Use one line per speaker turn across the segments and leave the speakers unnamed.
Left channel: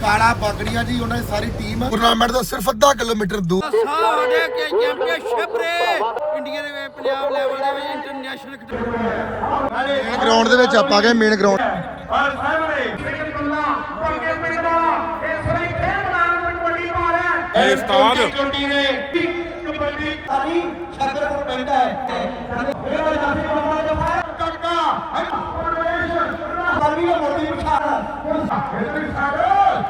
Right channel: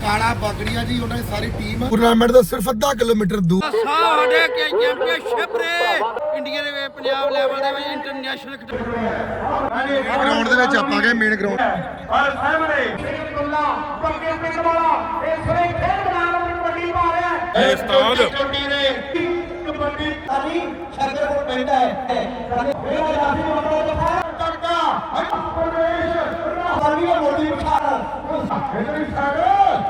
ਕਾਲਾ ਬਾਗੜੀਆਂ ਜੀ ਉਹਨਾਂ ਦੀ ਸਾਰੀ ਟੀਮ ਟੂਰਨਾਮੈਂਟ ਦਾ ਸਿਰਫ ਅੱਧਾ ਕਿਲੋਮੀਟਰ ਦੂਰ।
ਸਾਡੇ ਕਿ ਚੈਂਪੀਅਨਸ਼ਿਪ ਰੇ। ਇੰਡੀਆ ਦੇ ਵਿੱਚ ਪੰਜਾਬ ਲੈਵਲ ਦੇ ਵਿੱਚ ਇੰਟਰਨੈਸ਼ਨਲ
ਗਰਾਊਂਡ ਦੇ ਵਿੱਚ ਆਪਾਂ ਗਏ ਮੇਨ ਗਰਾਊਂਡ
ਔਰ ਸਾਹਮਣੇ ਪੰਗੇ ਪਿੰਡ ਵਾਲਾ ਇਸ ਵੇਲੇ ਖੇਡ ਮੈਦਾਨ ਵਿੱਚ ਕਬੱਡੀ ਪਾ ਰਿਹਾ ਹੈ। ਇਹ ਉਸਤਾਦ। ਕਬੱਡੀ ਨੇ ਕਬੱਡੀ ਪਿੰਡ ਹੈ। ਮੇਰਾ ਜਾਤੀ ਬੰਦਾ ਜਫਾ ਟੱਕਾ ਪਰਵੇਸ਼ ਤਾਰੀ ਦਾ ਮੋਦੀ ਵਿਚਾਰ ਇਹਦੇ ਸਾਗਰ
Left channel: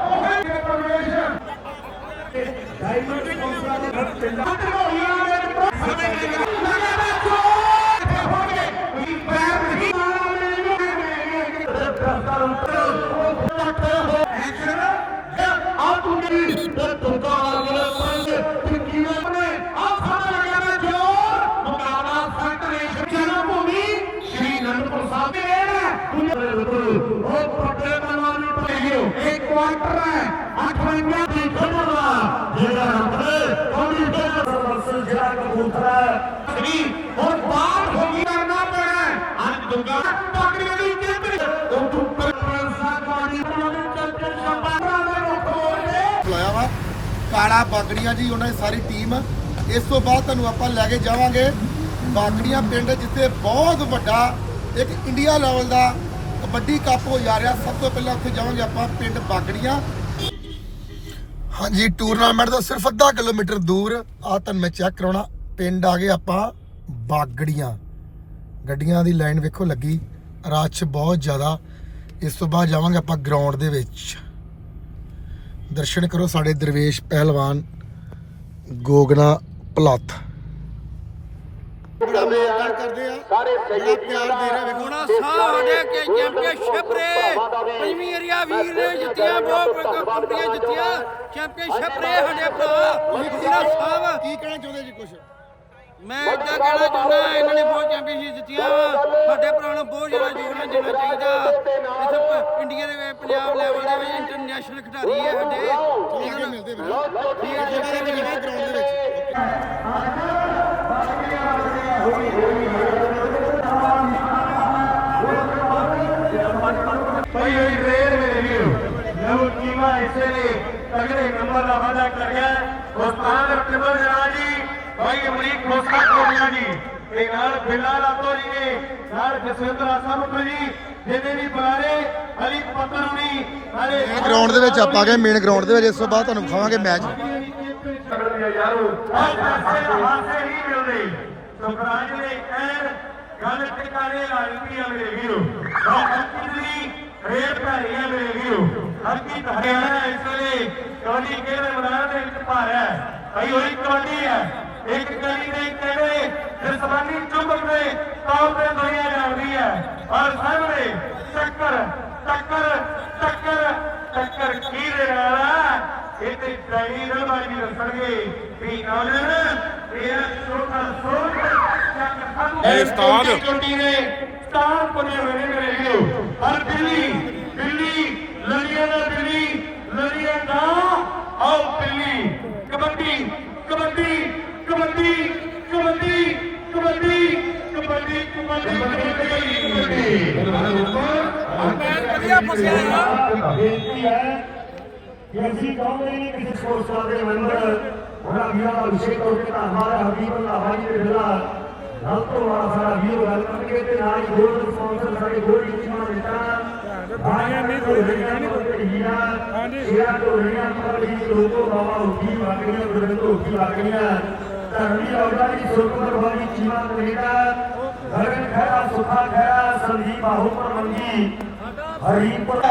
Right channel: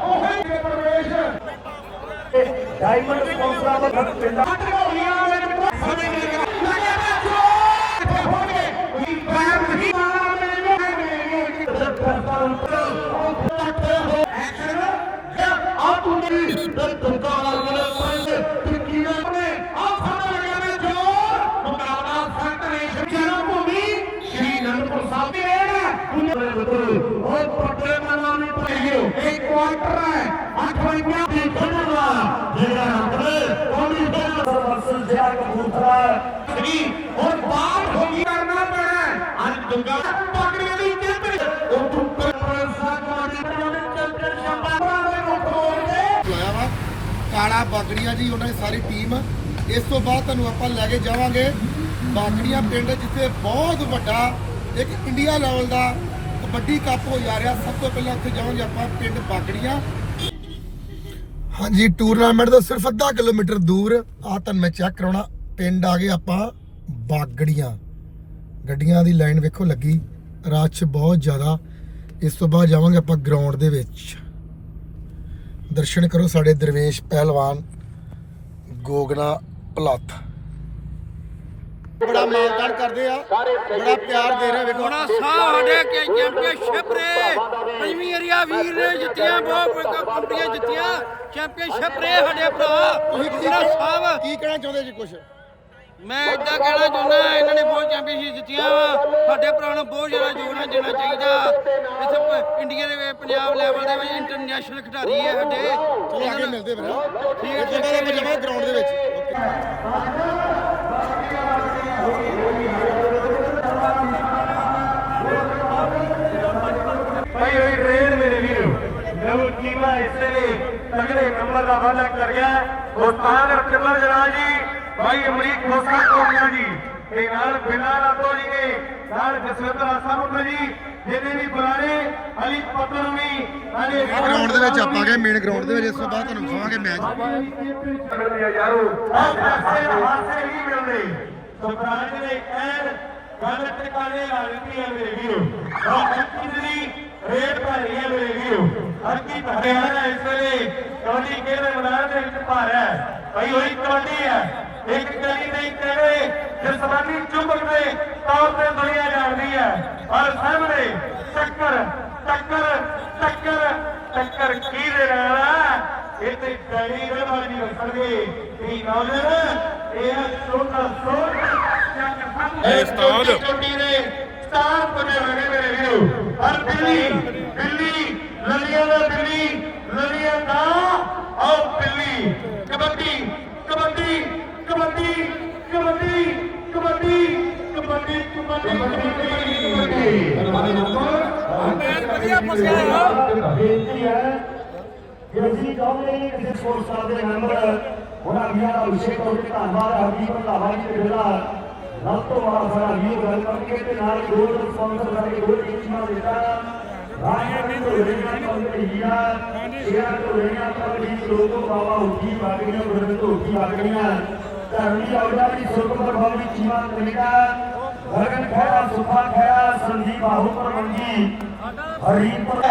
ਉਹੇ ਪਰਵੇਸ਼ ਡਾਇਮੰਡ ਸਪਾਂਸਰਾਂ ਦਾ ਘਰ ਪਿੰਡ ਕਾਲਾ
ਬਾਗੜੀਆਂ ਜੀ, ਉਹਨਾਂ ਦੀ ਸਾਰੀ ਟੀਮ ਇਸ ਤੋਂ ਬਾਅਦ ਤੁਹਾਨੂੰ ਆਪਾਂ ਲੈ ਕੇ ਜਾਵਾਂਗੇ ਬਾਗੜੀਆਂ ਪਿੰਡ, ਜਿੱਥੇ ਬਹੁਤ ਵੱਡਾ ਇੱਕ ਇੰਡੀਆ ਲੈਵਲ ਦਾ ਕਬੱਡੀ ਕੱਪ ਹੋ ਜਾ ਰਿਹਾ। ਸਭ ਤੋਂ ਪਹਿਲਾਂ ਉੱਥੇ ਜਾਵਾਂਗੇ ਆਪਾਂ ਪਿੰਡ ਬਾਗੜੀਆਂ। ਹਾਂਜੀ ਟੂਰਨਾਮੈਂਟ ਦਾ ਸਿਰਫ ਅੱਧਾ ਕਿਲੋਮੀਟਰ ਦੂਰ। ਆ ਤੁਹਾਨੂੰ ਮੈਂ ਚੈੱਕ ਕਰਾਉਣਾ। ਪਿੰਡ ਆ ਗਏ ਆਪਾਂ ਬਾਗੜੀਆਂ। ਗੱਡੀਆਂ ਦੀ ਲਾਈਨ ਵੇਖੋ ਲੱਗੀ। ਰਸ਼ ਬਹੁਤ ਜ਼ਿਆਦਾ। ਇਸ ਤੋਂ ਬਾਅਦ ਜਾਵਾਂਗੇ ਆਪਾਂ ਗਰਾਊਂਡ ਦੇ ਵਿੱਚ। ਦਰਸ਼ਨ ਕਰੋ ਸਾਡੇ ਦਰਵੇਸ਼ ਪਹਿਲਵਾਨ ਗੋਗਨਾ ਭਲੱਥ ਬੜਾ ਮਾਣਦਾਰ ਕਰਦੇ ਆ। ਬੜਾ ਪਿਆਰ ਦੇ ਰਹੇ ਵੇਖੋ
ਹੋਣਾ ਸਾਡੇ ਕਿ ਚੈਂਪੀਅਨਸ਼ਿਪ ਰੇ ਪੰਜਵੀਂ ਏਰੀਆ ਵੀਰ ਨੇ ਜਿੱਤੀਆਂ ਬਹੁਤ ਕੰਪਨੀਆਂ ਜਿੱਤੀਆਂ। ਚੈਂਪੀਅਨਸ਼ਿਪ ਰੇ ਸਾਡੇ ਭਰਾ। ਗੁਰਨਾ ਸਾਹਿਬ।
ਕੀ ਕਹਿਣਾ ਚਾਹੁੰਦੇ ਜੀ ਕੁਝ
ਮੈਂ ਇਦਾਂ ਕਹਿਣਾ ਚਾਹੁੰਦਾ ਇਹਨਾਂ ਨੇ ਬਹੁਤ ਚੈਂਪੀਅਨਸ਼ਿਪ ਜਿੱਤੀਆਂ ਵਾ। ਸਾਡੇ ਭਰਾ ਨੂੰ ਬਹੁਤ ਜ਼ਿਆਦਾ ਯੋਗਦਾਨ ਦੇਣਾ ਚਾਹੀਦਾ। ਇੱਥੇ ਪ- ਇੰਡੀਆ ਦੇ ਵਿੱਚ ਪੰਜਾਬ ਲੈਵਲ ਦੇ ਵਿੱਚ ਇੰਟਰਨੈਸ਼ਨਲ ਖਿਡਾਰੀ ਹੈ ਸਾਡੇ।
ਚਲੋ
ਇਹਨਾਂ
ਅੱਗੇ
ਨਾਲ
ਮਿਲਦੇ ਫਿਰ
ਠੀਕ ਹੈ, ਠੀਕ
ਆਪਾਂ
ਜੀ।
ਜਾਵਾਂਗੇ ਗਰਾਊਂਡ ਦੇ ਵਿੱਚ। ਓਕੇ
ਭਾਈ ਹੋਈ ਰੇਡ ਮੇਰੇ ਵੀਰ। ਨਵ ਕੀਮਾ ਇਸੇ ਲਈ ਤਗੜੇ ਨੰਬਰ ਦਾ ਵਾਅਦਾ ਕਰ ਗਿਆ ਉਸਤਾਦ ਅਬਦੁੱਲਾ ਜਲਾਲ ਜੀ। ਭਾਈ ਅਮਰੀਕ ਖੋਸਾ ਕੋਟਿਆ ਜੀ। ਤੇ ਨਾਲ ਬਿਲਾ ਰਾਤੋ ਜੀ ਨੇ ਨਾਲ ਜਸਵੰਤ ਨੂੰ ਜੀ। ਜਿਹਨੇ ਵੀ ਬੁਲਾਰੇ ਅਲੀ ਹੁਣੀ ਹਲੇ
ਗਰਾਊਂਡ ਦੇ ਵਿੱਚ ਆਪਾਂ ਗਏ ਮੇਨ ਗਰਾਊਂਡ ਦੇ ਵਿੱਚ ਇਸ ਤੋਂ ਬਾਅਦ ਤੁਹਾਨੂੰ ਵਿਖਾਵਾਂਗੇ ਮੈਚ
ਯਾਰੋ ਉਹ ਪੈਸੇ ਹਾਸੇ ਹੀ ਮਿਲਦੇ ਸਰਪੰਚ ਦੇ ਐਨ ਗੱਲ ਟਿਕਾਣੇ ਵਾਲੀ ਆ ਮੇਰੇ ਵੀਰੋ। ਆ ਦੀ ਰੇਡ ਭਾਰੀ ਆ ਮੇਰੇ ਵੀਰੋ। ਹੱਕੀ ਹਰਿਆਣਾ ਇਸ ਵੇਲੇ। ਕਬੱਡੀ ਕਿਹੜੇ ਮੈਦਾਨ ਦੇ ਵਿੱਚ ਭਾਰਿਆ ਭਾਈ ਹੋਈ ਕਬੱਡੀ ਹੈ। ਇੱਕ ਗਲੀ ਦੇ ਕਿਹੜੇ ਜਸਮਾਨੀ ਚੁੰਬਕ ਦੇ ਤੌਰ ਤੇ ਦੁਨੀਆ ਜਾਣਦੀ ਹੈ। ਔਰ ਸਾਹਮਣੇ ਟੱਕਰ ਟੱਕਰ ਟੱਕਰ ਟੱਕਰ ਕੀ ਦੇ ਰਿਹਾ ਇਹ ਤੇ ਡੈਰੀ ਰਵਾਜੀ ਦੱਸਣਗੇ। ਵੀ ਨਾਨਨ ਇਹ ਛੋਟਾ ਸੋਟ ਚੱਕ ਫਨ ਇਹ ਨੇ ਸਟਾਰ ਬਣੇ ਹੋਏ ਮੇਰੇ ਵੀਰੋ। ਔਰ ਬਿੱਲੀ ਬਿੱਲੀ ਲਲੀਆਂ ਦਾ ਬਿੱਲੀ ਲਲੀਆਂ ਦਾ ਆਓ ਬਿੱਲੀ ਕਬੱਡੀ ਕਬੱਡੀ। कबड्डी कबड्डी कबड्डी कबड्डी कबड्डी कबड्डी
कबड्डी। हमारे ऊपर
बढ़िया पसंद है बेनती है हाँ कि इसी काम में किसी स्पोर्ट्स क्लब के मेंबर होना भैया अभिषेक और के आभार हबीब अल्लाह हाजी के बिला हम तो हमारा सारा वीर वेलकम के ते नारी गोल स्पॉन्सर करके गोल की टीम देता भाई ने तो लेना पर हीरा शेयर तो लेना पर ही लोगों बाबा उठी भागने और तो उठी भागने ਧਰਮੀ ਔਰਤਾਂ ਦੀ ਸੁਰਤ ਪਰਵਾਹੀ ਚੀਵਾਂ ਕੈਨੇਡਾ ਗਗਨ ਖੈਰਾ ਸੁਖਾ ਖੈਰਾ ਸੰਦੀਪ ਬਾਹੂਪੁਰ ਮੰਗੀ ਹਰੀਪੁਰ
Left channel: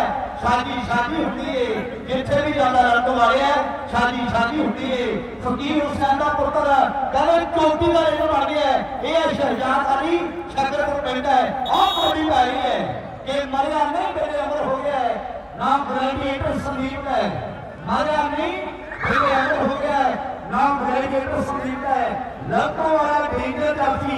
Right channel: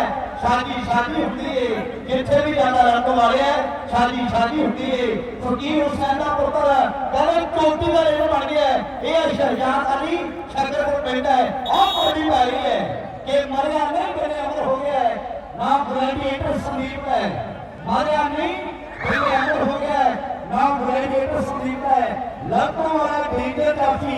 ਸ਼ਾਦੀ ਸ਼ਾਦੀ ਹੁੰਦੀ ਏ ਜਿੱਥੇ ਵੀ ਜਾਂਦਾ ਰੰਗ ਵਾਲਿਆ ਸ਼ਾਦੀ ਸ਼ਾਦੀ ਹੁੰਦੀ ਏ ਫਕੀਰ ਹੁਸੈਨ ਦਾ ਪੁੱਤਰ ਕਹਿੰਦੇ ਚੋਟੀ ਦਾ ਰੇਡ ਬਣ ਗਿਆ ਹੈ। ਇਹ ਹੈ ਸ਼ਹਿਜਾਦ ਅਲੀ ਸ਼ਕਰਪੁਰ ਪਿੰਡ ਹੈ ਆਹ ਕੋਡੀ ਪਾਈ ਹੈ ਕਿ ਮਰਿਆ ਨਹੀਂ ਮੇਰੇ ਅਮਰ ਹੋ ਗਿਆ ਹੈ ਨਾਮ ਗ੍ਰੈਜੂਏਟਰ ਸੰਦੀਪ ਹੈ ਮਰਿਆ ਨਹੀਂ ਮੇਰੇ ਅਮਰ ਹੋ ਗਿਆ ਹੈ ਨਾਮ ਗ੍ਰੈਜੂਏਟ ਸੰਦੀਪ ਹੈ ਲੱਖੋਂ ਵਾਲਾ ਡੀਜੇ ਦਾਫੀ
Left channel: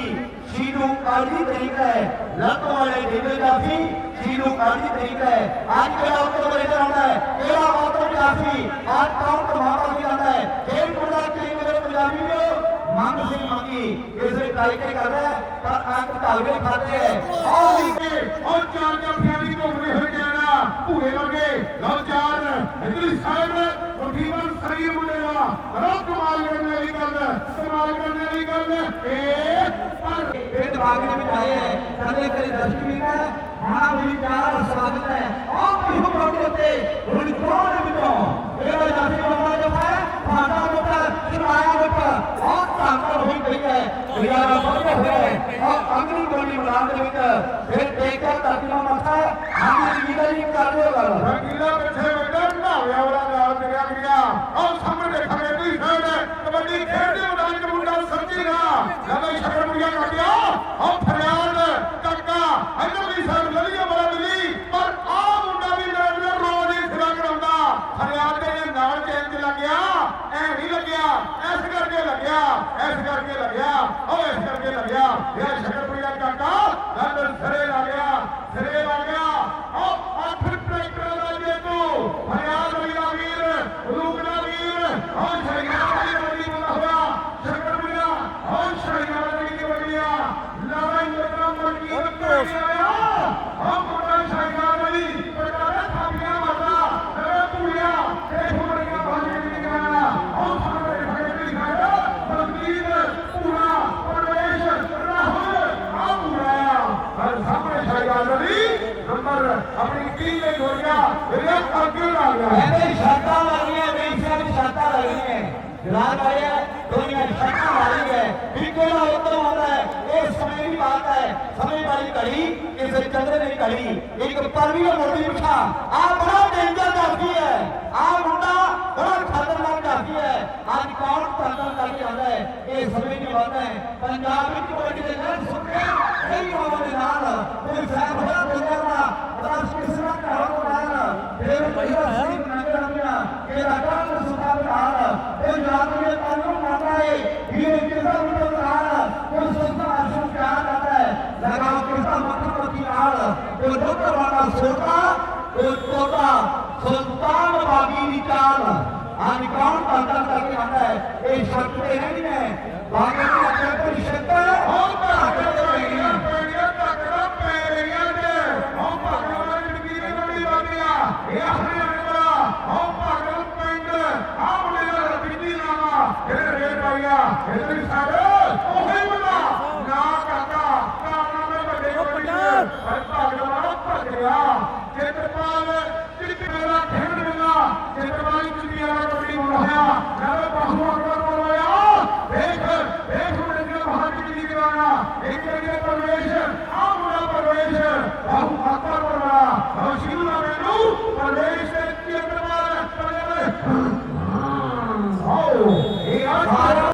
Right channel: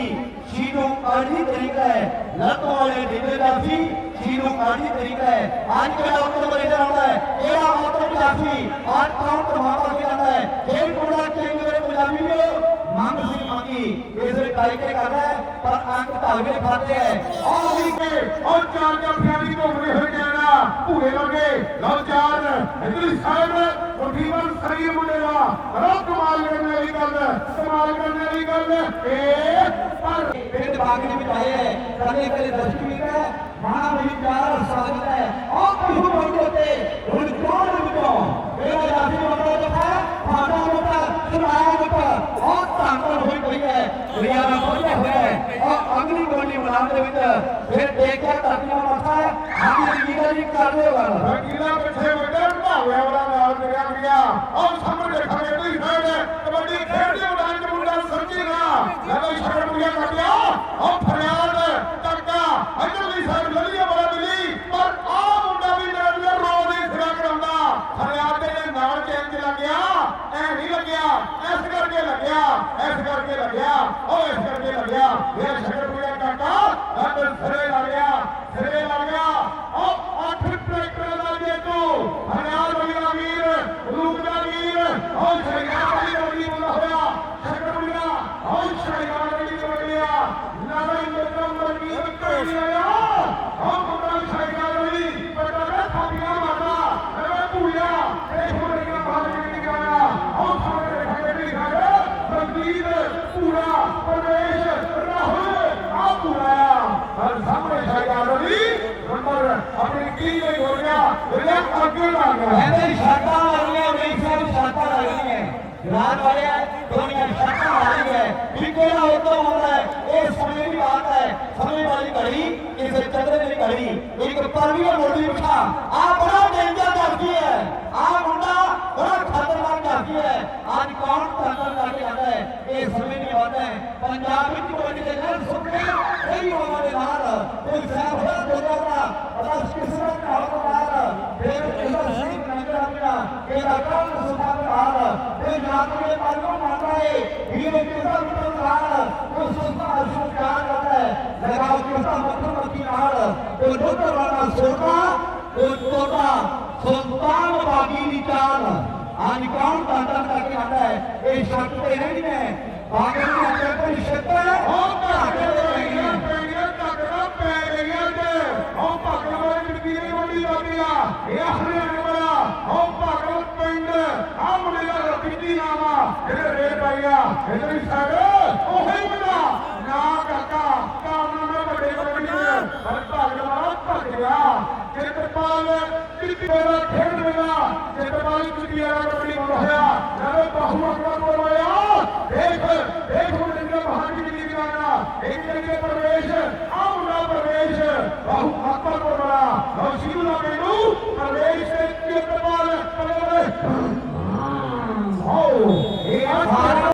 ਜੀ ਨੂੰ ਆੜੀ ਤਰੀਕਾ ਹੈ ਲੱਖੋਂ ਵਾਲੇ ਡੀਜੇ ਦਾਫੀ ਜੀ ਨੂੰ ਆੜੀ ਤਰੀਕਾ ਹੈ आज के लाभ तो बड़े इधर आता है मेरा बात तो गुलाबी आज काम तो वहां पर भी जाता है खेल पूरा खेल मेरे गुलाबी में मांग सिंह मांगी इसने ट्राई के कर रहा है पर आंख
तावे खाते हैं और नीचे और चार का फैमिली को हुए हो जाना पूरे लगे लव चार इधर साइड ਸਾਈਡ ਤਕਰੀਬਨ ਸਹੀ ਮੁੰਡੇ ਦਾ ਰੋ ਕਮਾਲ ਕਰਨ ਵਾਲੀ ਗੱਲ ਕਮਾਲ ਕਰਨ ਵਾਲੀ ਗੱਲ ਇਹ ਪਰ
ਪਿੰਡ ਬਾਗ ਦੇ ਵਿੱਚ ਆਏ ਹੈ ਕਦੇ ਕਦੇ ਦਸਤੀ ਹੈ ਮਾਂ ਵੀ ਪਿਆਰ ਸਾਧਨ ਹੈ ਆਪ ਵੀ ਹੁਣ ਮੋਟੇ ਉੱਤੇ ਹੁਣ ਕੋਲ ਦੇ ਵਿੱਚੋਂ ਮੇਰਾ ਜਾਤੀ ਬੰਦਾ ਜੋ ਹੈ ਫਾਟਾ ਮੁੱਕਾ ਸੁਣਾਇਆ ਮੁੱਕਾ ਆਪ ਧੰਨ ਹੋਈ ਪਈ ਹੈ ਦੁਨੀਆ ਦਾ ਪਹੁੰਚਿਆ ਹੋਇਆ ਹੈ ਆਪ ਅਗਲੀ ਗੋਲੀ ਮਨਾਮ ਦੇ ਵਿੱਚ ਫਿਰ ਦੇਖਿਆ ਧਰਤੀਆਂ ਮੱਥਾ ਹਾਂ ਜੀ ਜੀ ਕਰ ਦਿਓ ਗੱਲ
ਵਕੀਲਾ ਪਿੱਛੇ ਵੱਡੇ ਢਾਵਿਆਂ ਵਾਲਾ ਨਾਲ ਤੁਰਿਆ ਗਿਆ ਆਹ ਸਾਹਮਣੇ ਦੇਖਾਂਗੇ ਵੀ ਸਾਈਡ ਕਬੱਡੀ ਖੇਡਦੇ ਉਡਾਨ ਦੇ ਮੁੰਡਾ ਸੱਚੀ ਨਾ ਜਦੋਂ ਸ਼ਰਮ ਨੂੰ ਕੱਟਿਆ ਆਹ ਫਰਿਆਦ ਟੱਕਾ ਇਹਨੂੰ ਵੀ ਸਾਈਡ ਲੱਲੀਆ ਬੜਾ ਮਿਲੀ ਪਰ ਆਹ ਮੁੰਡਾ ਵੀ ਨਾਲ ਨਾਲ ਰੋਜ਼ ਹੀ ਸਿਰਾ ਕਰਾਉਂਦਾ ਫਰਿਆਦ ਦੇ ਨਾਲ ਚੇਂਜ ਲੱਗਿਆ ਐ ਨਹੀਂ ਲੱਗਿਆ ਇਸ ਕਰਕੇ ਲੱਗਿਆ ਇਸ ਕਰਕੇ ਲੱਗਿਆ ਉਹ ਇਸ ਕਰਕੇ ਲੱਗਿਆ ਇਹ ਸ਼ਰਮ ਨੂੰ ਕਾਕਾ ਅੰਦਰ ਸਿਰੇ ਲੱਗਿਆ ਸਿਰੇ ਲੱਗ ਗਿਆ ਉਹ ਅੱਠ ਟਰੈਕਟਰ ਦਾ ਜੇਤੂ ਹਰਿਆਣ ਵਾਲੀ ਵੀਰ ਰੂਪਨਾ ਵੀਰ ਹੋ ਸ਼ਹਿਰਾਂ ਵਾਲੀ ਬਦਲੀ ਹੋਇਆ ਸ਼ੰਕਰ ਮੁੰਡਾ ਹੋ ਸ਼ਹਿਰਾਂ ਵਾਲੀ ਬਦਲੀਆ ਨਾਰਾਇਣ ਮੁੰਡਾ ਮਰਕੀ ਬਦਲੀਆ ਹੋ ਮੁੰਡਾ ਸ਼ਹਿਰਾਂ ਵਾਲੀ ਪਟਾਰਾ ਥਾਪੀਆਂ ਮਾਰਦਾ ਅਰੇ ਭੂਆ ਇਹ ਹੋਣੀਆਂ ਬਾਹਰ ਨਿਕਲਣਾ ਹੋ ਸਾਰੇ ਖੜੇ ਵੀ ਖੜਾ ਬਦਲੀਦ ਪੂਰਾ ਪਰਵੇਸ਼ ਰਾਹੁਲ ਆ ਪੂਰਾ ਹਰ ਸਾਹਮਣੇ ਸ਼ਹਿਰਾਂ ਵਾਲੀ ਨੰਬਰ ਆਪਣੀ ਕੀ ਨਹੀਂ ਹੋ ਗਿਆ ਇਹਦਾ ਅੱਗੇ ਲਾ ਗਿਆ
ਕਹਿੰਦੇ ਸ਼ਰਤਾਂ ਲੱਗੀਆਂ ਮੇਸ਼ੀਆਂ ਦੀ ਸ਼ਰਤਾਂ ਲੱਗੀਆਂ ਜਨਾਬ ਵਾਲਿਆ ਦੁਨੀਆ ਦੀ ਸ਼ਰਤਾਂ ਲੱਗੀ ਹੈ ਵੀ ਕਿਹੜਾ ਉਦੋਂ ਆਉਂਦਾ ਹੈ ਇਹ ਸਮੇਂ ਦੀ ਬਾਤ ਹੈ ਸਮੇਂ ਵਾਲੀ ਘੜੀ ਕਿਸੇ ਚੰਦਰੇ ਇੱਕ ਪਰਵੀਆ ਮੋੜੀ ਬਿਠਾ ਆ ਬੜਾ ਡੇਂਜਰ ਕਰਦੀ ਹੈ। ਆ ਮੁੰਡਾ ਬੜਾ ਖਤਰਨਾਕ ਕਰਦੀ ਹੈ ਅੱਜ ਕੌਣ ਤੰਤਰ ਕਰਕੇ ਆਉਂਦਾ ਹੈ ਇਹ ਸਮੇਂ ਦੀ ਬਾਤ ਹੈ ਪੰਜਾਬ ਵਿੱਚ ਕੋਈ ਦੇ ਨਾਲ ਸੁੱਕੇ ਕਈ ਹੋਰਾਂ ਦੇ ਨਾਲ ਕੋਈ ਸਾਹਿਬ ਦਾ ਬੰਦਾ ਪਤਾ ਕਿਸੇ ਦਾ ਕਾਲ ਕਰਾਰ ਫਿਰ ਪਹਿਲਾ ਸੀ ਨੰਗਰ ਹੋਇਆ ਇਹ ਰਕਮ ਸੁਭਾ ਕਰਾਰ ਕੋਈ ਜਾਤ ਕੇ ਪਾਲੋ ਮਾਤਾ ਹੈ ਵੀਰ ਕਿਸਾ ਮੁੰਡਾ ਕਰਾਰ ਕੋਈ ਸੰਸਥਾ ਅਸ਼ੂ ਪਿਆਰ ਕਰਦਾ ਹੈ ਲਗਾਓ ਕਿਸਾ ਮੱਥਾ ਮੱਥੀ ਨਾਲ ਕੋਈ ਰੋਕਰ ਵਾਲਾ ਸੋਟਾ ਕੋਈ ਟੋਟਾ ਸੁਲਤਾਨ ਬਾਗੀ ਦੀ ਚਾਲ ਅੱਜ ਕੌਣ ਤੰਤਰ ਕਰਕੇ ਆਉਂਦਾ ਹੈ ਇਹ ਸ਼ਕਤ ਤੇ ਰਹਿੰਦੀ ਹੈ ਬਾਗੀ ਦੀ ਸ਼ਕਤ ਹੈ ਉਹ ਘਾਟ ਦੇ ਰਹੀ ਹੈ
ਪੈਣੀਆਂ ਟੱਕਰਾਂ ਪੈ ਰਹੀਆਂ ਤੇ ਉਹ ਭਗਵਾਨ ਜਗੀਰੇ ਮੰਡੀ ਵਾਲਿਆ ਇਹ ਆਪਣੇ ਅੰਦਰਾ ਉਹ ਭਗਵਾਨ ਪਿੰਡ ਆਮਲੇ ਦਾ ਪਿੱਤੀ ਲਾਵਾ ਇਹ ਰੇਡ ਹੋ ਗਿਆ ਇਹ ਵੀ ਸਾਡੇ ਉਹੀ ਬਣਾ ਨਾ ਕਰਤਾ ਕਾਰਨ ਦੇ ਵੱਡੇ ਵੱਡੇ ਭਗਵਾਨ ਭੱਜ ਗਿਆ ਚਿੱਤਪਾਲ ਚਿੱਤਪਾਲ ਖੇਡ ਮਿਲਾ ਚਿੱਤਪਾਲ ਚਿੱਤੀਆਂ ਦਾ ਕਬੱਡੀ ਮੁੜ ਹੋਇਆ ਨਾਲੇ ਬਾਹੂ ਅਕਬਰ ਬੋਲਿਆ ਦੇਖ ਦੇਖ ਮੁੰਡੇ ਦਾ ਭਾਜੀ ਦੀ ਨਿਗਰਾਨਾ ਇੱਕ ਜਗ੍ਹਾ ਪਰਵੇਸ਼ ਆਮਰਾ ਪਰਵੇਸ਼ ਬਾਹੂ ਅਕਬਰ ਬੋਲਿਆ ਰਸ਼ੀਦ ਵਾਲੇ ਨੂੰ ਪਰਵੇਸ਼ ਤੇ ਚਿੱਤਪਾਲ ਆਓ ਇਹ ਆ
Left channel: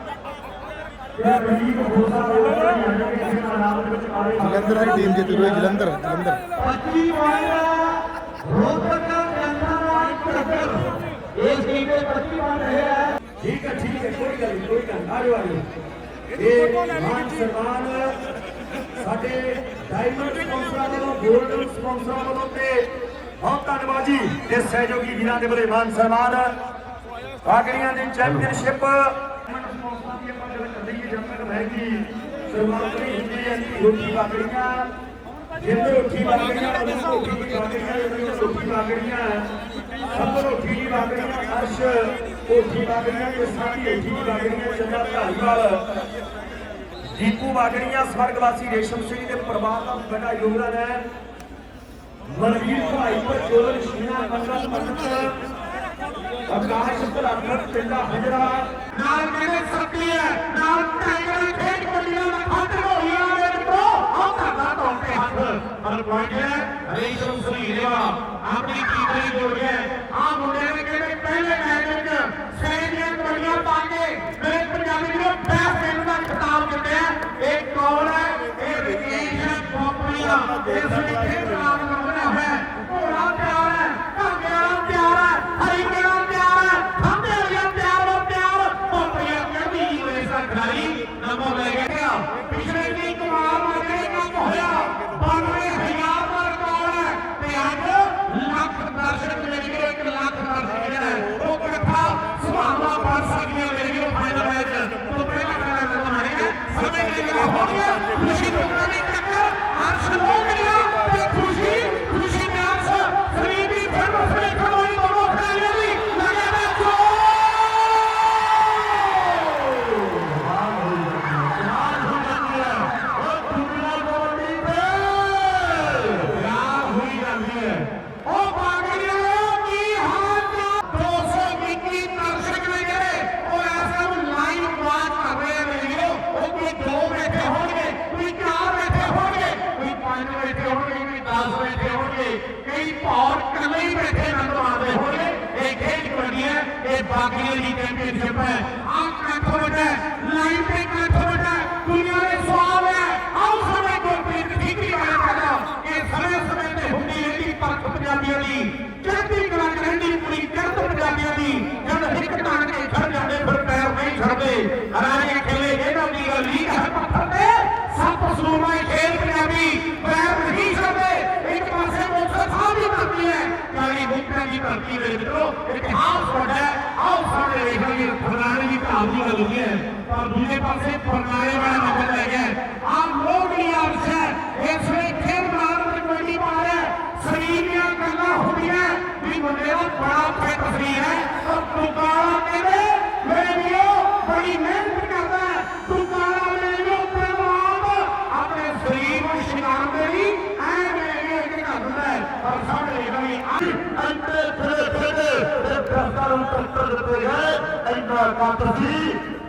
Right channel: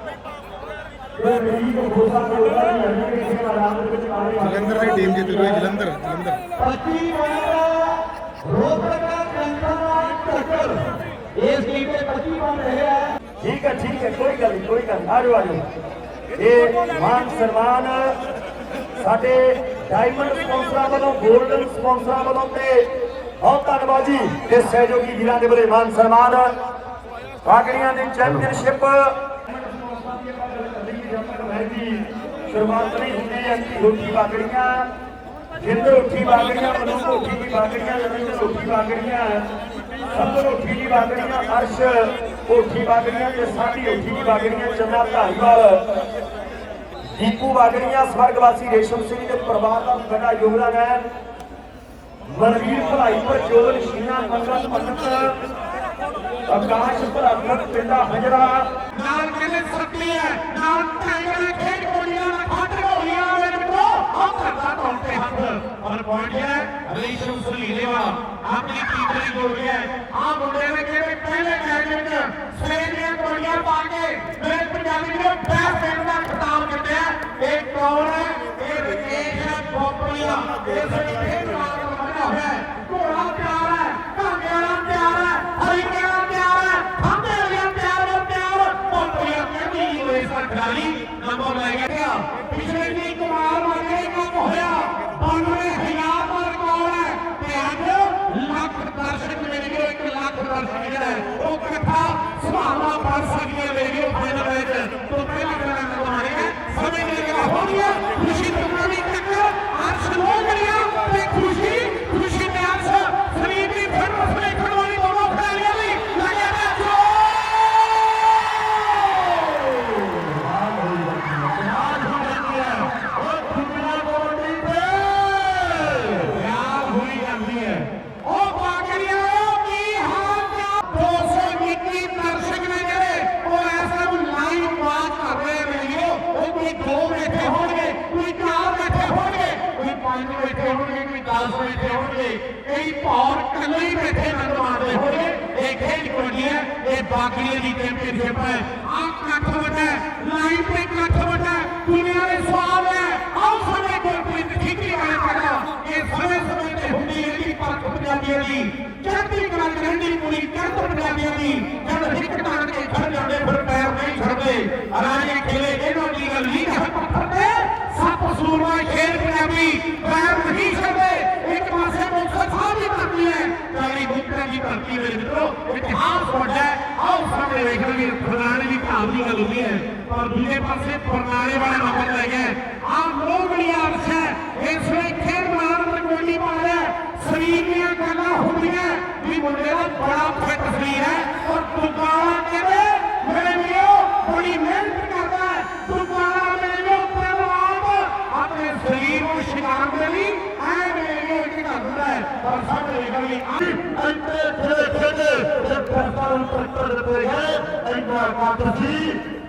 ਜਲੰਧਰ ਦੀ ਟੀਮ ਜਿੱਤ ਗਈ ਜਲੰਧਰ ਜਲੰਧਰ
ਪੱਚੀ ਵਾਰ ਰੋਪੜ ਦਾ ਜਨਤਾ ਦਾ ਇੱਕ ਟੱਕਰ ਇਸ ਟੀਮ ਦੇ 25 ਬਣ ਰਹੇ ਹੈ
ਠੀਕ ਹੈ ਠੀਕ ਹੈ ਕੋਈ ਗੱਲ ਨਹੀਂ ਕੋਈ ਗੱਲ ਨਹੀਂ। ਆ ਜਾਓ ਆ ਜਾਓ ਇਹ ਮਾਨ ਸਨਮਾਨ ਸਾਡੇ ਡਾਇਮੰਡ ਸਪਾਂਸਰਾਂ ਵੱਲੋਂ 골ਡਨ ਸਪਾਂਸਰਾਂ ਵੱਲੋਂ ਤੇ ਬਹੁਤ ਧੰਨਵਾਦ ਜੀ। ਤੇ ਸਹਿਯੋਗੀ ਵੀਰਾਂ ਦੇ ਬੜੇ ਮਾਨ ਸਨਮਾਨ। ਪਾਗੜੀਆਂ ਦੀ ਚੈਂਪੀਅਨਸ਼ਿਪ ਸ਼ੁਰੂਆਤ ਨਹੀਂ ਹੁੰਦੀ ਹੈ ਰੋਟੀ ਪਾਗੜੀਆਂ ਜਿੰਦੇ ਉੱਠੀ ਬਾਗੜੀਆਂ ਮਨੂੰ ਉੱਠੀ ਦੀ ਬਾਗੜੀਆਂ ਜਦੋਂ ਉੱਠੀ ਬਾਗੜੀਆਂ। ਸਭ ਤੋਂ ਉੱਠੀ ਦੀ ਬਾਗੜੀਆਂ ਅਰਸ਼। ਉੱਠੀ ਬਾਗੜੀਆਂ ਤੇ ਸਾਡੀ ਉੱਠੀ ਦੀ ਬਾਗੜੀਆਂ ਚੰਨਾ ਧਾਰੀਵਾਲ ਦੀਪੂ ਬਾਗੜੀਆਂ ਸਵਰਗਵਾਸੀ ਰੇਸ਼ਮ ਸਿੰਘ ਦੇ ਪਰਿਵਾਰ ਦਾ ਬੜਾ ਯੋਗਦਾਨ ਹੈ। ਮਨਵੀਰ ਭਲਾਈ ਪਰ ਜੋਦਨ ਸ਼ੀਨਾ ਮੰਗਲ ਪੰਡਤ, ਆਕਾਸ਼ ਭਰਾਤਮਕ ਪਿੰਡਾ ਹਜਰਾ।
ਨਾਲ ਕਹਿੰਦੇ ਸਕਲੀ ਹੈ, ਨਾਲ ਟਾਈਗਰ ਖੇਡ ਕੋਲੀਆਂ ਦਾ ਖੱਟ ਹੋਈਆਂ ਨੇ ਮਿੱਤਰੋ ਹੱਥ ਦਾ ਟੋਟੇ ਹੱਥ। ਪਰ ਪਹੁੰਚਿਆ ਰੇਸ਼ਮ ਸੁਲੀਰੇਵਾ ਆਪਣੀ ਕੀਮਤੀ ਜੋੜੀ ਹੈ। ਆ ਮੁੰਡੇ ਨੇ ਕਹਿੰਦੇ ਪਹਿਲੇ ਮੈਚ ਵਿੱਚ ਸਵੇਰੇ ਦੀਆਂ ਕੋਲੀਆਂ ਪਾ ਕੇ ਮੇਰੇ ਪੰਜਾਬੀ ਨੂੰ ਬੈਸਟ ਪਿੰਡ ਦਾ ਖਿਤਾਬ ਜਿੱਤਿਆ। ਇਹ ਕੌਣ ਹੈ? ਇਹ ਰਕੇਸ਼ ਪੋਪਲੀਆ ਇਸ ਨੇ और दूजे पासे परनारे वाला नंबर ले गए आप लोग लिए अर्ज़ है इसलिए खेल महाराज कमेटी वाले सही में करना होती है भी मुंडे का बड़ा अच्छे तस्वीर है। और दुकान के लिए मेरे लिए बड़ी मेहनत करता है। दुकाना मेरे लिए अपने बाप अपने शरीर को शिकार में ली है। मेरे लिए एक करता है। और सब लेकर ली अंतर खेले खेले। जब फैसला उतर पर है इनका कातसी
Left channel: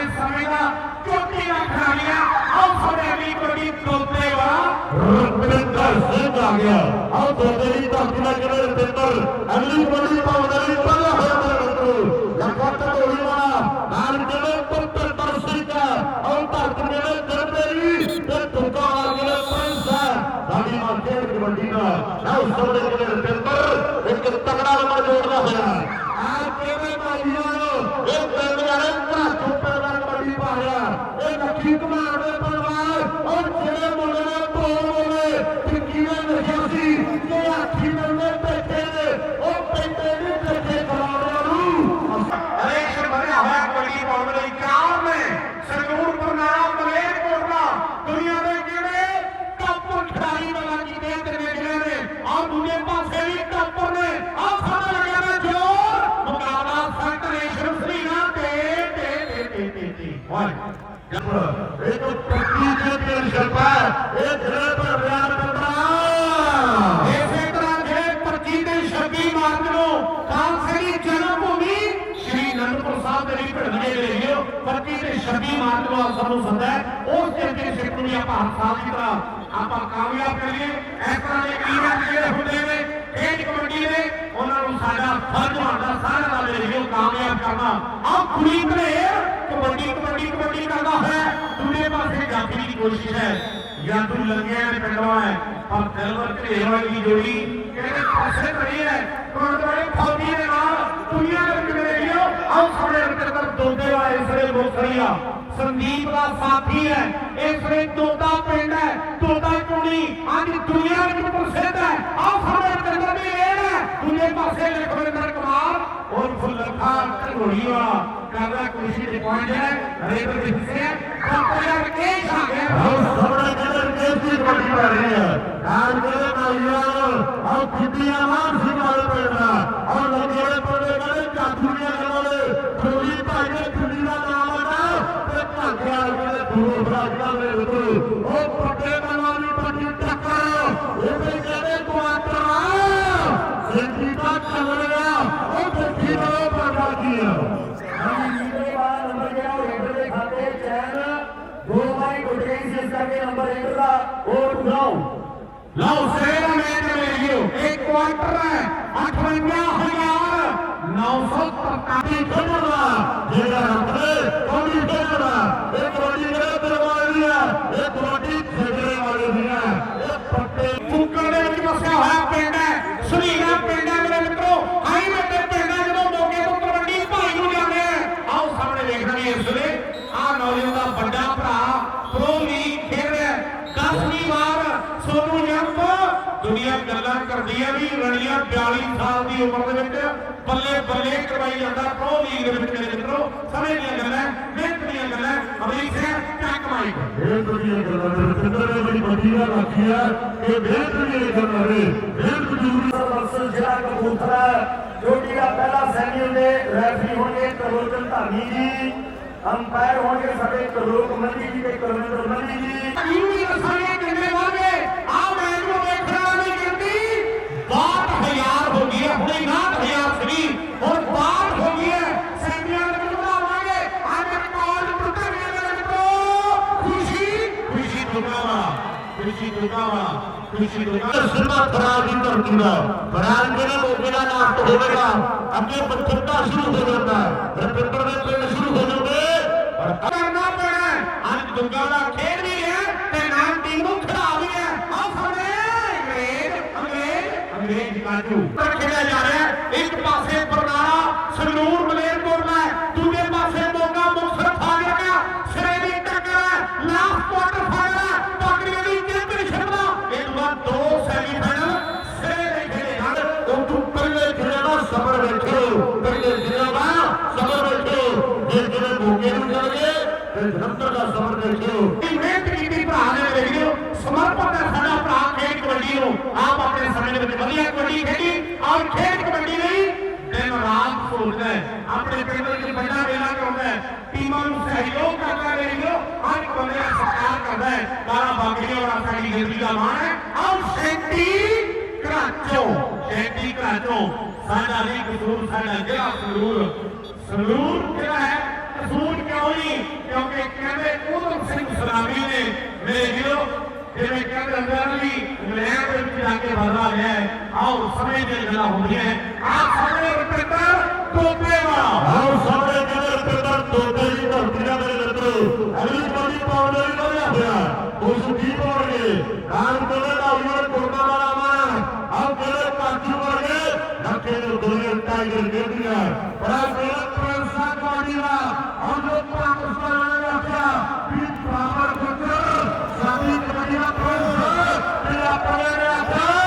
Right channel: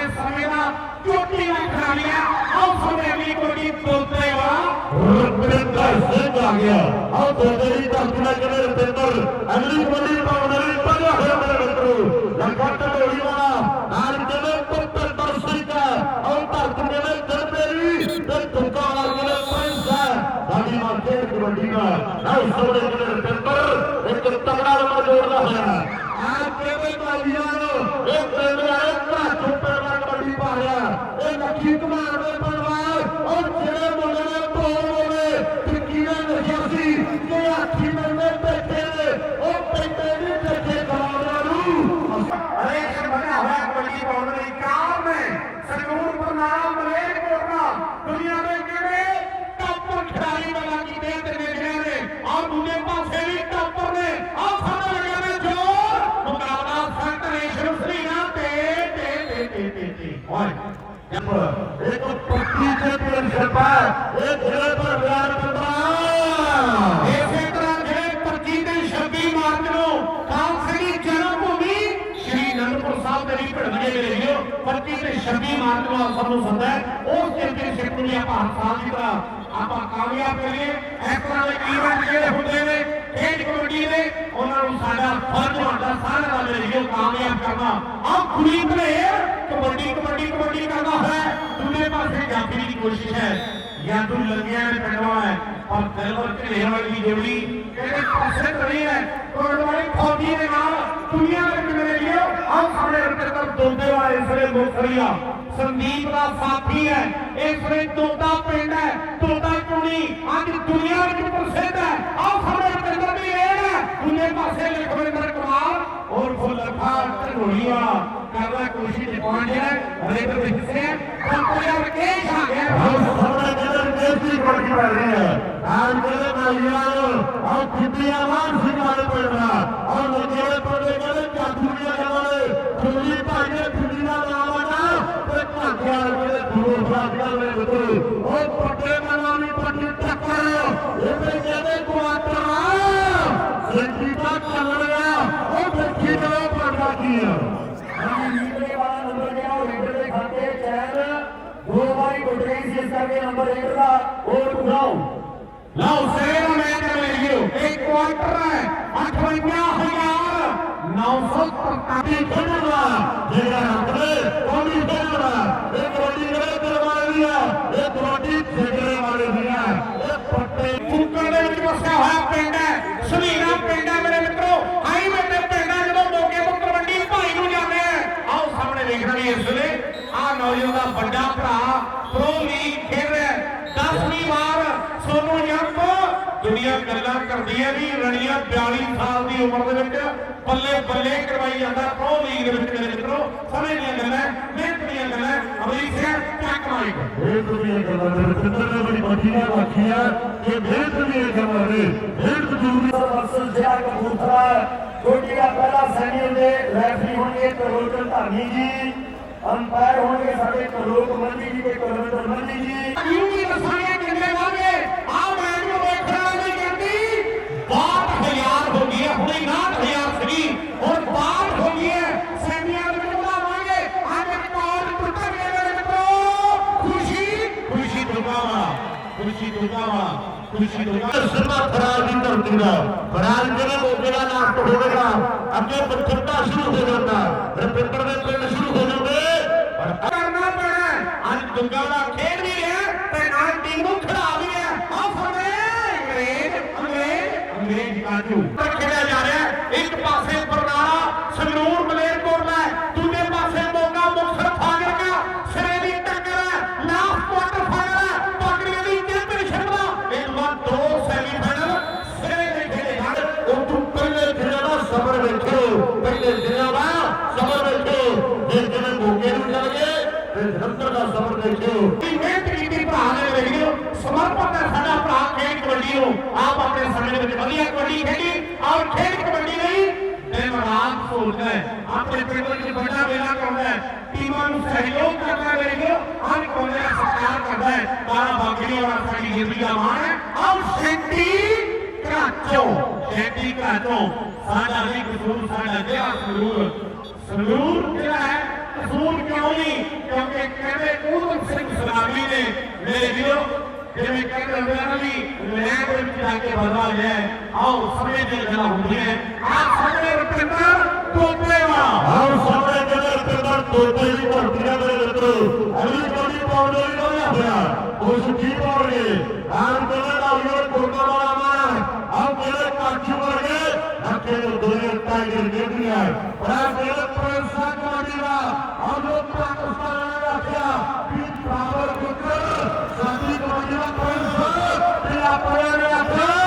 ਦੇ ਸਮੇਂ ਦਾ ਚੋਟੀ ਦਾ ਖਿਡਾਰੀਆ ਆਓ ਸਾਡੇ ਅਗਲੀ ਕਬੱਡੀ ਤੋਤੇ ਵਾਲਾ
ਰੁਪਿੰਦਰ ਸਿੰਘ ਆ ਗਿਆ। ਆਹ ਦੋਦੇ ਦੀ ਧਰਤੀ ਨਾਲ ਕਿਹੜੇ ਰੁਪਿੰਦਰ।
ਆਪਾਂ ਕਾਮਯਾਬ ਕਰੀਏ। ਇਸ ਤਰ੍ਹਾਂ ਦੇ ਈਵੈਂਟ ਜਿਹੜੇ ਹੁੰਦੇ ਨੇ, ਖੇਡ ਕਮੇਟੀ ਦੇ, ਉਹਨਾਂ ਨੂੰ ਸਾਡਾ ਫਰਜ਼ ਬਣਦਾ ਸਾਰਿਆਂ ਦਾ ਮਿਲ ਕਾਮਯਾਬ ਕਰਨਾ। ਆਪ ਕੁੜੀ ਭਰੇ कोशिश है। या तो लंगिया पटवा है, और गलवर ढेरवा की जोड़ी कहते पासे नहीं है। तो हमारी फौजी के नाम दुनिया में मिले लिए हम सामने रखते तक दोते वाले इसरे मोखरिया संदीप का साथी है इसरे तोता पेंड है, तोता चुनी आज दुनिया में प्रसिद्ध है? और सामने रखते तक भी ये है। उन्हें पासे लखविंदर कुमार और फुलफा
तक होलिया करना कोशिश पहुँच जाए रेत हिस्से ਆਨ ਕਿਲੇ ਮਾਲੀਆਂ ਆਉ ਖਿੱਤੀਆਂ ਮਾਨ ਮੀਟਰ ਦਾ ਵੋਟ ਲਾਓ
ਲਾਓ ਸੇਰਾ ਮੀਟਰ ਮਿਲਿਓ ਇੱਕ ਕੁਆਟਰ ਹੈ। 58000 995 42 ਸਾਲ ਦੀ ਉਮਰ ਦੇ ਵਿੱਚ ਬੱਲੇ ਬੱਲੇ ਕਰਵਾਈ ਜਾਂਦਾ ਪ੍ਰੋ ਲੀਗ ਦੇ ਵਿੱਚ ਮੇਰੇ ਮਿੱਤਰੋ। ਸਮੇਂ ਦੀਆਂ ਗੱਲਾਂ ਮਿਹਨਤ ਦੀਆਂ ਗੱਲਾਂ ਅਮਰੀਕ ਸਿੰਘ ਟੈਕ ਮਾਈਕ
ਇਹ ਦੁਨੀਆ ਗੱਲਾਂ ਦੇ ਰਵਿੰਦਰ ਨੇ ਬੜੀ ਗੱਲ ਆਖੀ ਹੈ ਕਿ ਮਿਹਨਤ ਵੀ ਇਹ ਗੱਲਾਂ ਨੇ ਮਿਹਨਤ ਜ਼ਰੂਰੀ ਮਸਲ ਜਿਹੜਾ ਕਪੂਰਥਲਾ ਜੋਟੀ ਦਾ ਪਹਿਲਾ ਸੈਮੀਅਲ ਦੇ ਰੈਫਰੀ ਹੋਣਗੇ ਕਰੋਟਨ ਧਾਨੀ ਜੀ ਅੰਪਾਇਰ ਹੋਣਗੇ ਸਾਡੇ ਕਰੋਕ ਮੰਡੀ ਜੀ ਤੇ ਕਰਵਿੰਦਰ ਮੰਡੀ ਜੀ।
ਯੂ ਵੀ ਦੱਸਾਂਗੇ ਕਿੰਨੇ ਵਾਗੇ ਆ ਮੈਚ ਨੂੰ ਵੇਖਣਾ ਨਹੀਂ ਗਿਣਤੀ 62000 ਹੋ ਗਈ ਹੈ ਹੁਣੇ 69000 ਸੀਗੀ ਹੁਣ 62 ਹੋ ਗਈ ਹੈ ਸੈਮੀਆਂ ਦੇ ਵਿੱਚ ਵਧਾਵਾਂਗੇ ਅੱਜ ਰਿਕਾਰਡ ਟੁੱਟ ਗਿਆ ਮੇਰੇ ਮਿੱਤਰੋ ਖੁਸ਼ੀ ਖੁਸ਼ੀ ਦੁਕਾਵਾ ਖੁਸ਼ੀ ਦੁਕਾਵਾ ਖੁਸ਼ੀ ਦੁਕਾਵਾ
ਸਿਰਮਾ ਖਰਾਬ ਦੀ ਧਰਤੀ ਦਾ ਖਰਾਬ ਜਿਹੜਾ ਮੋਗੇ ਦਾ ਨਾਮ ਤੋਂ ਹੋਵੇਗਾ ਅੱਗੇ ਪੱਥਰਤਾ ਸ਼ੁਰੂ ਹੋ ਜਾਂਦਾ ਰਵਿੰਦਰ ਦੇ ਪਿੰਡ ਸ਼ੁਰੂ ਹੋ ਜਾਓਗੇ ਪਰ
ਕਰਨਾ ਪੈਣਾ ਹੈ। ਅੱਜ ਦੁੰਗਾ ਦਾ ਖੇਡ ਵੀ ਰਿਹਾ ਤੇ ਨਾਲ ਟੀਮ ਨੂੰ ਖਿਡਾ ਵੀ ਰਿਹਾ ਆ ਫੜੇ ਅੰਗਰੇਜ਼ ਅੰਗਰੇਜ਼ ਅੰਗਰੇਜ਼ ਕਾਜੂ ਪਰ ਖੇਡਿਆ ਜਾ ਰਿਹਾ ਹੈ। ਇੱਕ ਆਪਣੇ ਸਮੇਂ ਦੇ ਵਿੱਚ ਵਧੀਆ ਕਬੱਡੀ ਖੇਡੀ ਔਰ ਖੇਡ ਕਬੱਡੀ ਲਈ ਦਿਨ ਰਾਤ ਸੋਚਦਾ ਹੈ ਆਪਣੇ ਪਿੰਡ ਦੇ ਵਿੱਚ ਵੱਡਾ ਮੇਲਾ ਕਰਾਉਂਦਾ ਹੈ ਟੀਮਾਂ ਨੂੰ ਸਹਿਯੋਗ ਕਰਦਾ ਹੈ ਵੇਖਿਓ ਹਰ ਕੋਨੇ ਦਾ ਸਤਿਕਾਰ ਕਰਦਾ ਹੈ ਬਾਰਾ ਬਾਗੜੀ ਔਰ ਸਾਡੀ ਜ਼ਿੰਦਗੀ ਦਾ ਮਾਣ ਹੈ ਔਰ ਸ਼ੈਂਟੀ ਘਰਾਚੋਂ ਸ਼ੈਂਟੀ ਘਰਾਚੋਂ ਸਾਡਾ ਵੀ ਕਸੂਰ ਸਾਡਾ ਜਿਹੜਾ ਸੰਗਰੂਰ ਸੰਗਰੂਰ ਜਿਹੜਾ ਹੈ ਕਸੂਰ ਕਿਉਂ ਨਹੀਂ ਕਿਉਂਕਿ ਕਹਿੰਦੇ ਉਦਮ ਸਿੰਘ ਸਰਾਵੀ ਨੇ ਮੇਰੇ ਵੀਰੋ ਜਿਵੇਂ ਕਹਿੰਦੇ ਹੁੰਦੇ ਆ ਨਾ ਵੀ ਇੰਗਲੈਂਡ ਦੇ ਵਿੱਚ ਜਾ ਕੇ ਵਾਦਾ ਗਿਆ ਹੈ। ਆਓ ਸਮੇਂ ਦੀ ਗੱਲਾਂ ਹੁੰਦੀਆਂ ਆ ਸਾਹਮਣੇ ਰੁਪਿੰਦਰ ਟੋਪੇ ਵਾਲਾ
ਆਓ ਸਾਹਮਣੇ ਕਹਿੰਦੇ ਰਵਿੰਦਰ ਤੋਤੇ ਦੀ ਧਰਤੀਆਂ ਦੇ ਮਿੱਤਰੋ ਅਗਲੀ ਕੌਡੀ ਪਾਉਣ ਲਈ ਲੋਇਆ ਹੋਇਆ। ਉਸ ਕੀ ਪਾਉਣਗੇ? ਆਮ ਕਹਿੰਦੇ ਨਾਲੀਆਂ ਟੋਟਾ ਵਾਲਾ ਮਾਰ ਆਓ ਕਹਿੰਦੇ ਕਾਠੀ ਵਰਗੇ ਨੱਕੇ ਦੇ ਦੋਏ ਟਾਈਗਰ ਗੇਂਦੀਆਂ ਬੜਾ ਕਹਿੰਦੇ ਪ੍ਰਿੰਸਾਂ ਕੌਡੀ ਦਾ ਆਓ ਲੋਕ ਪਾਕਿਸਤਾਨ ਨੇ ਆਖਿਆ ਵੀ ਪਾਵਰ ਫਿਕਰ ਸਾਡੀ ਕੌਡੀ ਦਾ ਪ੍ਰਿੰਸ ਵੀ ਆਪਣੇ ਨੇ ਆਖਿਆ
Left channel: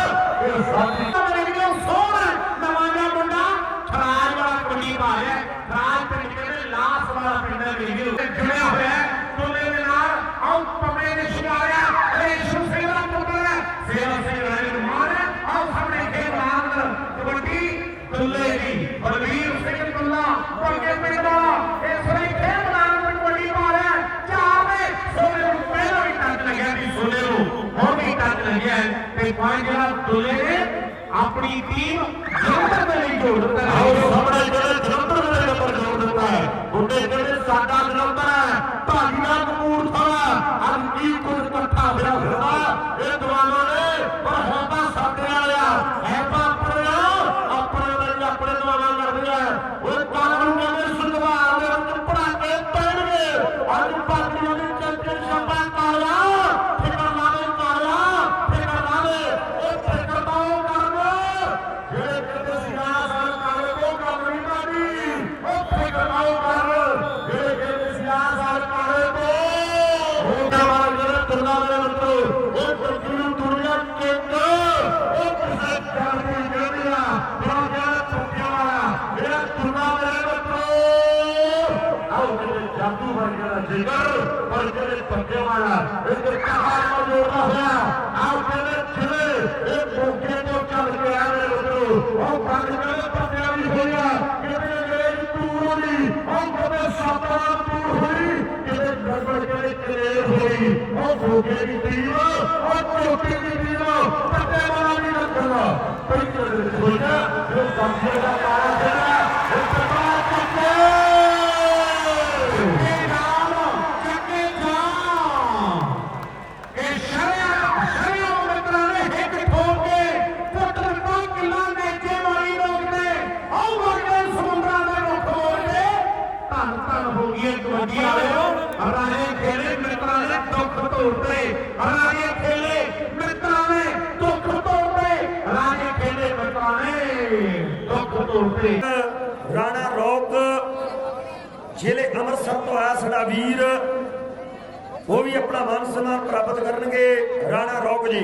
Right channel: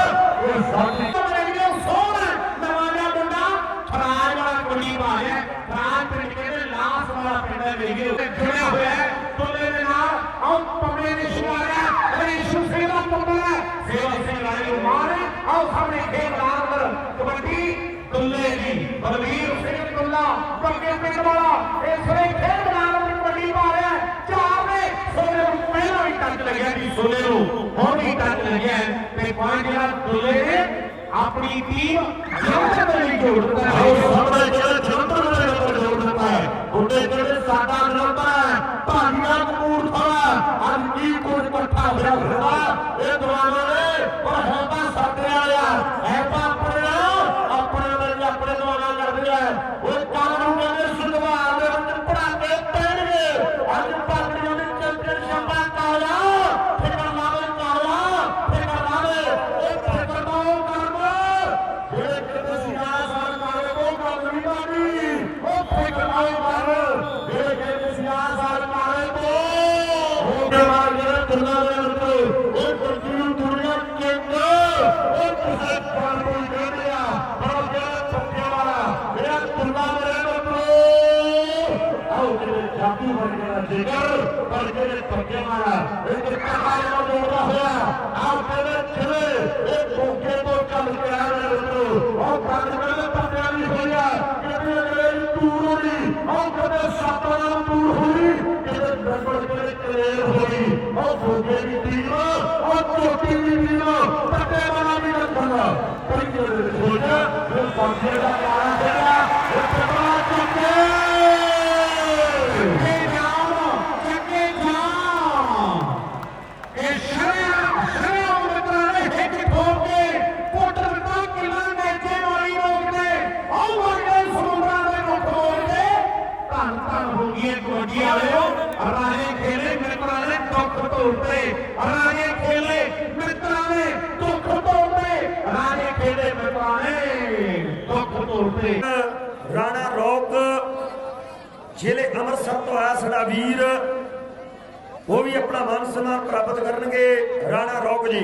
ਇਹ ਸਾਡੀ
ਮੇਰੇ ਸੋਹਣਾ ਨਵਾਂ ਮੁੰਡਾ ਖਰਾਜ ਵਾਲਾ ਕੁੜੀ ਮਾਰਿਆ ਖਰਾਜ ਪਿੰਡ ਕਹਿੰਦੇ ਲਾਸ ਵਾਲਾ ਪਿੰਡ ਹੈ ਮੇਰੇ ਤੇ ਖਿੜਿਆ ਹੋਇਆ ਹੈ ਤੋਲੇ ਦੇ ਨਾਲ ਆਉ ਪਮੇ ਨੇ ਸ਼ਿਕਾਰਿਆ ਇਹ ਸ਼ੁਸੇ ਦਾ ਪੁੱਤਰ ਹੈ ਸੇਵਾ ਸਿੰਘ ਰਾਏ ਨੂੰ ਮਾਰਿਆ ਆਓ ਸਾਹਮਣੇ ਖੇਡ ਲਾਲ ਕਬੱਡੀ ਦੁੱਲੇ ਦੀ ਬਲਵੀਰ ਸਿੰਘ ਦੁੱਲਾ ਪੰਗੇ ਪਿੰਡ ਵਾਲਾ ਇਸ ਵੇਲੇ ਖੇਡ ਲਾਲ ਕਬੱਡੀ ਮਾਰਿਆ ਚਾਰ ਨੇ ਸੋਨੇ ਨੂੰ ਪਹਿਲਾਂ ਵੀ ਟੱਚ ਲੱਗਿਆ ਜੀ ਸੋਨੇ ਨੂੰ ਹੁਣ ਵੀ ਟੱਚ ਲੱਗਿਆ ਹੈ ਤੇ ਪੰਜ ਜਿਹੜਾ ਦੁੱਲੇ ਨੇ ਆਪਣੀ ਟੀਮ ਜਿੱਤ ਦੇ ਲਈ ਜੋੜ ਦਿੱਤਾ ਹੈ
ਆਓ ਸਾਹਮਣੇ ਜਿਹੜੇ ਜਲੰਧਰ ਦੇ ਨੰਬਰ ਜੋੜ ਦਿੱਤਾ ਹੈ ਉਹਦੇ ਜਿਹੜੇ ਸਾਡਾ ਜਲੰਧਰ ਹੈ ਭਾਗੀਆਂ ਕਪੂਰਥਲਾ ਅੱਜ ਕੀ ਕੁਝ ਇਕੱਠਾ ਹੋਇਆ ਹੋਇਆ ਇਹ ਦਵਾਰਾਂ ਨੇ ਪਰ ਹੁਣ ਤਾਂ ਸਾਡੇ ਵਾਲਿਆ ਹੈ ਤਾਂ ਆਪਣੇ ਆਪਣੇ ਵਿੱਚ ਆਪਣੇ ਦਵਾਰਾਂ ਕਰਦੇ ਆ ਉਹ ਕਾਨੂੰਨ ਕਹਿੰਦੇ ਸੁਧਾਰ ਦੇ ਵਿੱਚ ਪੜਾ ਕੇ ਪੈਣਗੇ ਅੱਜ ਭਾਗੀਆਂ ਦੀ ਚੈਂਪੀਅਨਸ਼ਿਪ ਦਾ ਕਾਲਾ ਫਿਕਰ ਲਾਵੇ ਕਾਲਾ ਫਿਕਰ ਲਾਵੇ ਇਹ ਫਿਕਰ ਦਾ ਉਹ ਕਰਨਾ ਜਿਹੜੇ ਕਹਿੰਦੇ ਸੀ ਨਾ ਸਰਕਾਰ ਉਹ ਕੰਮ ਨਹੀਂ ਕਰਨੀ ਉਹ ਫਿਕਰ ਨਾ ਉਹ ਕਰ ਜਿਹੜੇ ਕਹਿੰਦੇ ਸੀ ਨਾ ਸਰਕਾਰ ਤੇ ਉਹ ਜਵਾਨ ਜਿਹੜੇ ਤੁਰਨਾ ਦੇ ਵਰਤੋ ਉਹ ਤੁਰਕੀ ਦੁਨੀਆ ਕਿੰਗ ਉਹ ਕਿਸੇ ਕੰਮ ਦੀ ਜਿਹੜੀ ਆ ਬੜਾ ਜਿਹੜਾ ਚੁੱਕੇ ਵਾਲਾ ਜਿਹੜਾ ਤੁਰਨਾ ਦੇ ਵਰਤੋ ਆਓ ਜਿਹੜੇ ਜਾਦੂ ਵਰਗਾ ਜਿਗਰ ਪਰ ਜਿਹੜੇ ਚੁੱਕੇ ਵਾਲਾ ਇਹ ਤੇ ਕਹਾਣੀ ਨੂੰ ਜੋੜਦਾ ਹੋਇਆ ਆਓ ਕਹਿੰਦੇ ਚਲੇ ਇਹ ਮੌਕੇ ਤੋਂ ਚੱਲ ਕੇ ਆ ਰਹੇ ਵਰਤੋ ਉਹ ਕੰਨ ਕਹਿੰਦੇ ਪੱਤਿਆਂ ਦੀ ਹੋਇਆ ਕਿਤੇ ਅੰਗਰੇਜ਼ ਦੂਰ ਨਹੀਂ ਉਹ ਕਦੇ ਸਾਤਾਂ ਦੂਰ ਹੋਈ ਕਿਤੇ ਨੰਬਰ ਕਿਤੇ
ਹੋਈ ਉਹ ਫੋਕੇ ਦੀ ਟੀਮ ਉਹ ਚੋਟੀ ਦੀ ਟੀਮ ਕੱਟੇ ਵਾਲਾ ਨਹੀਂ ਰੱਖੂਗਾ ਪਰ ਜਿਹੜੇ ਦੇ ਵਿੱਚ ਹੋ ਜਾ ਉਹ ਬਾਕੀ ਦਾ ਮਾਰਾ ਜਿਹੜਾ ਉਹ ਪਟਾ ਚੁੱਕੇ ਇਹ ਨਾਮ ਚੱਕੇ ਜਾਮ ਇਹ ਸ਼ਰਿਆ ਸ਼ਰਿਆ ਮਿੱਤਰਾਂ ਨੇ ਹਿੱਟ ਠੋਕ ਕੇ ਪੁੱਟ ਦਿੱਤਾ ਕਿੱਲਾ ਨੇਚੇ ਵਾਲੀ ਰੋਕ ਨੇ ਆਉ ਵਰਗੇ ਸਮੁੰਦਰਾਂ ਦੇ ਰੁੱਖ ਮੋੜ ਕੇ ਧੰਨ ਧੰਨ ਹੋ ਗਈਆਂ ਕਬੱਡੀ ਵਾਲਿਓ ਰਾਜੇ ਖੇਲੇ ਮਿੱਤਰਾਂ ਨੇ ਦੁੱਖ ਤੋੜਦੇ ਰਾਜੇ ਖੇਲੇ ਮਿੱਤਰਾਂ ਨੇ ਦੁੱਖ ਤੋੜਦੇ ਰਾਜੇ ਖੇਲੇ ਮਿੱਤਰਾਂ ਨੇ ਦੁੱਖ ਤੋੜਦੇ
ਰਾਣਾ ਰੌਕ ਜ਼ਿਲ੍ਹੇ ਅੰਮ੍ਰਿਤਸਰ ਤੋਂ ਆਇਆ ਸਾਡਾ ਵੀਰ ਉਹ ਵੀ ਆਪਣਾ ਮਾਨ ਸਨਮਾਨ ਪ੍ਰਾਪਤ ਕਰਨਗੇ ਰਾਣਾ ਰੌਕ ਜੀ।